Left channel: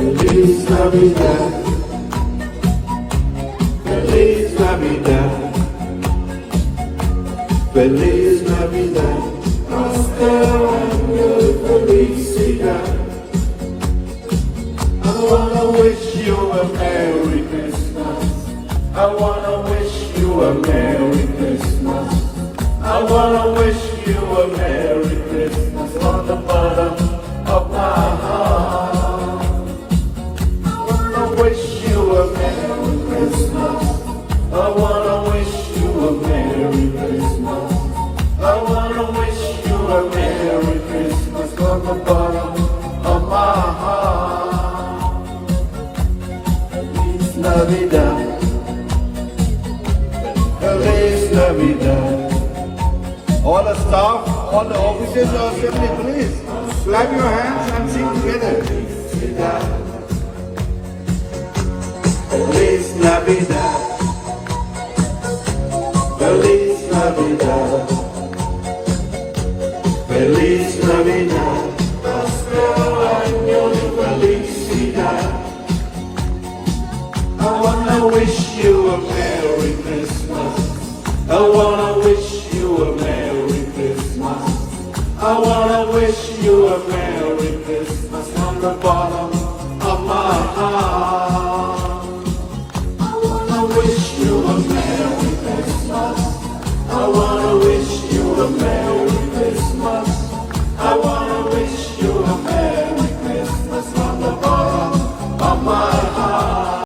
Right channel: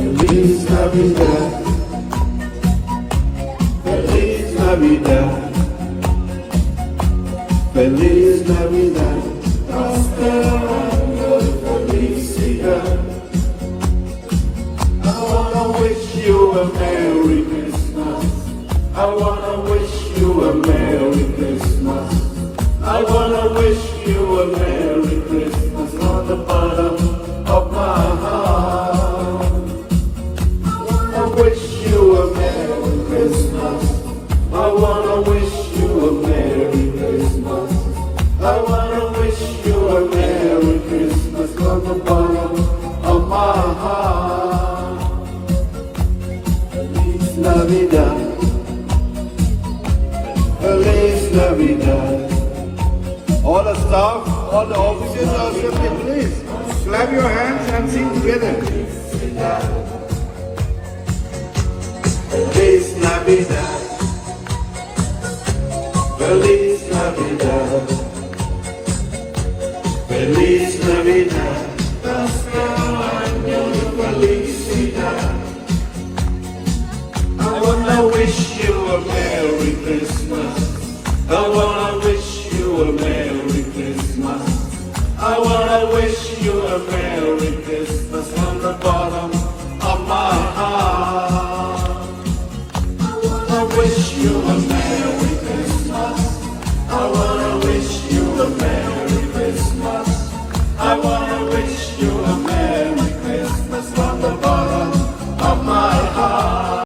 Feliz Navidad. Feliz Navidad. Feliz Navidad. Prospero año de felicidad. I wanna wish you a Merry Christmas. I wanna wish you a Merry Christmas. I wanna wish you a Merry Christmas from the bottom of my heart. I wanna wish you a Merry Christmas. I wanna wish you a Merry Christmas. I wanna wish you a Merry Christmas from the bottom of my heart. Feliz Navidad. Feliz Navidad. All the staff, all the officers are here, please. Clap your hands and sing together. Feliz Navidad. Feliz Navidad. Feliz Navidad. Prospero año de felicidad. I wanna wish you a Merry Christmas. I wanna wish you a Merry Christmas. I wanna wish you a